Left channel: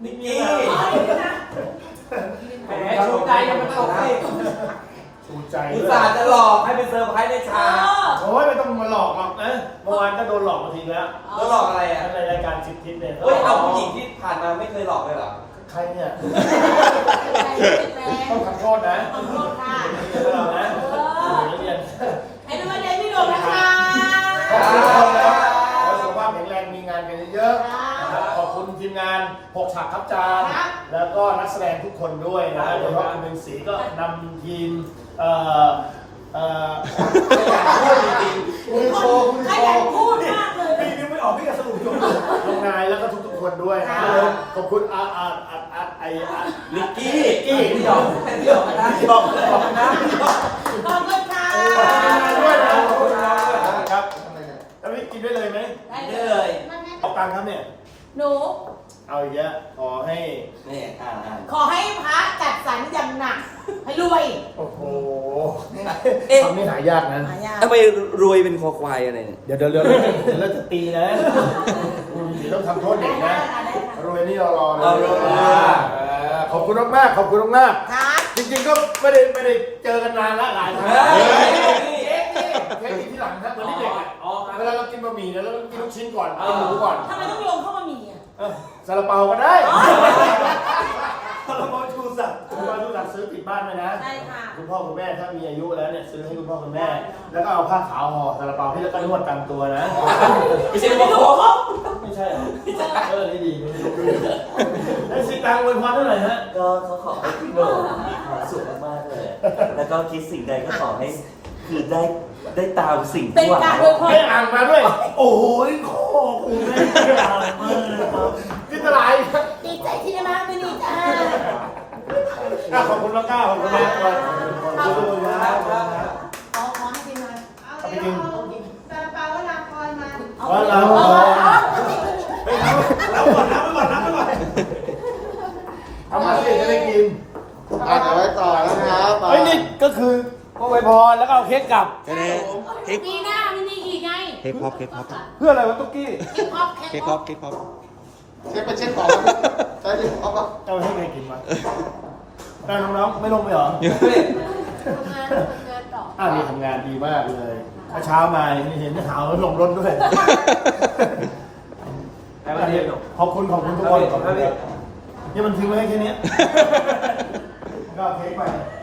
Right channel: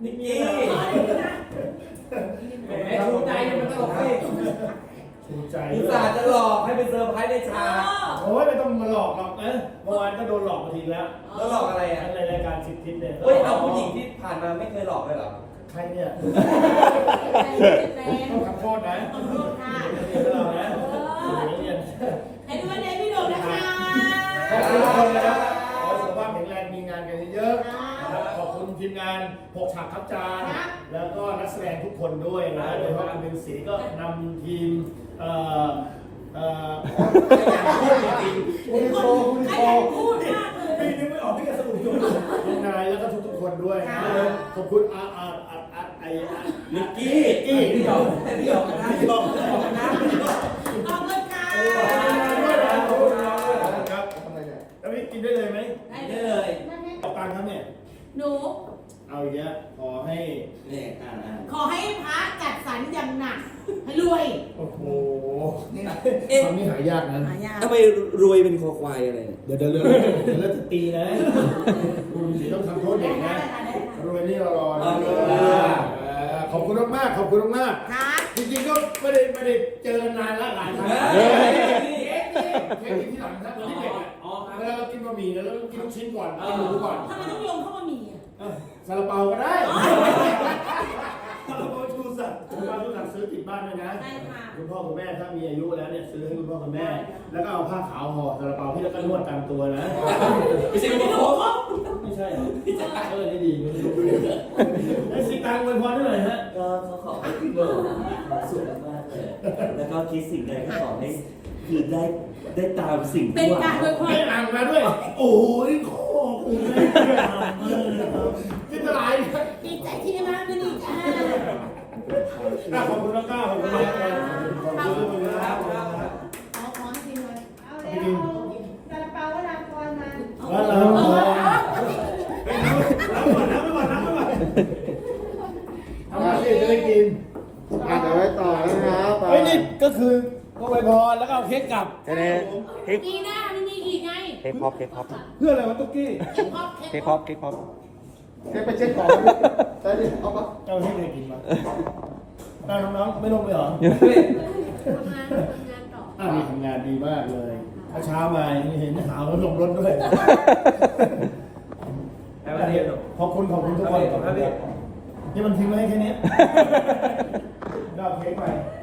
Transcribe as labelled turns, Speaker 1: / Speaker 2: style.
Speaker 1: นิกกี้แหม
Speaker 2: ชูใจยังไม่ตลกสิ
Speaker 3: ชูใจ
Speaker 1: อุตส่าห์จะหลอกให้เป็นเซอร์ไพรส์ในฉาก
Speaker 3: โอ้ยไม่ต้องมาหลอกหรอกนะเมื่อวานก็โดนหลอกมาทีแล้ว
Speaker 1: แล้วหลอกอะไรอ่ะ
Speaker 3: ในรายการ10 ทิศเนี่ย
Speaker 1: เฮ้ยเอาผู้หญิงที่ผ่านมาไม่เคยหลอกเลยเหรอ
Speaker 3: ใครเนี่ยต้องขอโทษนะ
Speaker 4: ขอโทษค่ะ
Speaker 3: เรียนเรานะเรียน
Speaker 4: ให้ดูวันไหนพี่โดมนะคะ
Speaker 3: ขอบคุณทุกคนนะขอให้สุขภาพแข็งแรงมีงานกันเยอะๆขอบคุณทีมงาน6 ฉากครับจานแล้วก็นักแสดงทุกคนด้วยนะโดยเฉพาะคุณเป็นศรีก็นำทีม
Speaker 1: พูดจริง
Speaker 3: คุณโชว์คุณ
Speaker 4: ใคร
Speaker 3: โช
Speaker 4: อยาก
Speaker 3: ว์
Speaker 4: พูดมากเลย
Speaker 3: พี่นึกไม่ออกพี่จะสรุปอยู่น้องนายแล้วก็ทุกๆคนด้วยนะขอบคุณ
Speaker 1: นิกกี้พี่หยอกพี่หยอกนะพี่หยอกนะ
Speaker 4: ขอบคุณค่ะ
Speaker 3: ด้วยนะขอบคุณน้องด้วยนะครับแล้วพี่กินได้เลยไหม
Speaker 1: ได้เลย
Speaker 3: ออกตังค์ครับเนี่ย
Speaker 4: หนู
Speaker 3: เอาอีกแล้วขอให้
Speaker 1: นี่
Speaker 4: ขอให้พระจัดสรรอย่างหนักให้รวย
Speaker 3: โอ้โหคำนี้หายากนะ
Speaker 1: ทำไมรวยเป็นคอควายอะไรเนี่ย
Speaker 3: เดี๋ยวเราจะตีนะสีต้องทำโทษเด็กนะรวยนี่รอนะขอบคุณมากขอบคุณมาก
Speaker 4: ครับ
Speaker 3: จริงๆก็ไม่ได้เจอกันนานละหลายครั้งแค่กินที่หลังนะเหมือนเด็กเวลาเรากินบะหมี่เนี่ยเรากินลูกชิ้นก่อนกินหมูก่อน
Speaker 4: ทำไมต้องโยงเข้ามามีอ่ะ
Speaker 3: ซาลาเปาก็ได้ซาลาเปาชูศักดิ์ซื้อติดบ้านไว้นะ
Speaker 4: ได้ค่ะ
Speaker 3: คุณพ่อคุณแม่ถ้ามีอายุแล้วเนี่ยซื้อให้คุณพ่อคุณแม่ แล้วก็เอาผ้าขาวห่อซาลาเปาพี่แล้วก็นวดตามตัวนะ
Speaker 1: ไม่ใช่บอกเขา
Speaker 3: ไม่ใช่นี่ดีแล้วสิตังอวยพรเท่าไหร่ฮะ
Speaker 5: ก็เขาขอให้พี่โหน่งมีความสุขมากๆเลย แล้วก็คิดสิ่งใดก็ขอให้คือได้ตามสิ่ง
Speaker 4: เป็น
Speaker 5: ที่หวัง
Speaker 4: การอวยพร
Speaker 3: ให้อ่านมาด้วย โอ้ยขอบคุณแม่ที่อ่านมากนะครับที่ตลาด
Speaker 4: ดีใจที่ได้มาเป็นนี่จ้า
Speaker 3: ขอบคุณน้องก้าวขอบคุณมากเลยขอบคุณครับ
Speaker 4: ขอให้กินหน่อย
Speaker 3: เอาไปกิน
Speaker 4: ซาลาเปาก็รับพรมา
Speaker 3: ว่าเราน้ำไปก่อนเอามาสิจะได้กิน
Speaker 2: อ่ะเดี๋ยวไว้ต่อนะครับ
Speaker 3: เฮ้ยนี่ก็คืออวยพรแล้วก็เอาเค้กกลับ
Speaker 4: ปีหน้ามันมีอีกไง
Speaker 3: เพื่ออะไรวะตุ๊กกี้
Speaker 4: เค้กพอป
Speaker 2: เช็คไปเช็คต่อใช่ดิเอาปะ
Speaker 3: เอาให้ใครกินมาน้องๆไม่ลงไปเหรอ
Speaker 4: ทำงานต่อ
Speaker 3: นี่ทำงานดีมากเลยเช้ามาเห็นหาวลงรถด้วยขอบคุณทุกคนนี่มันทิ้งไว้ให้แค่นี้ก็เค้กไป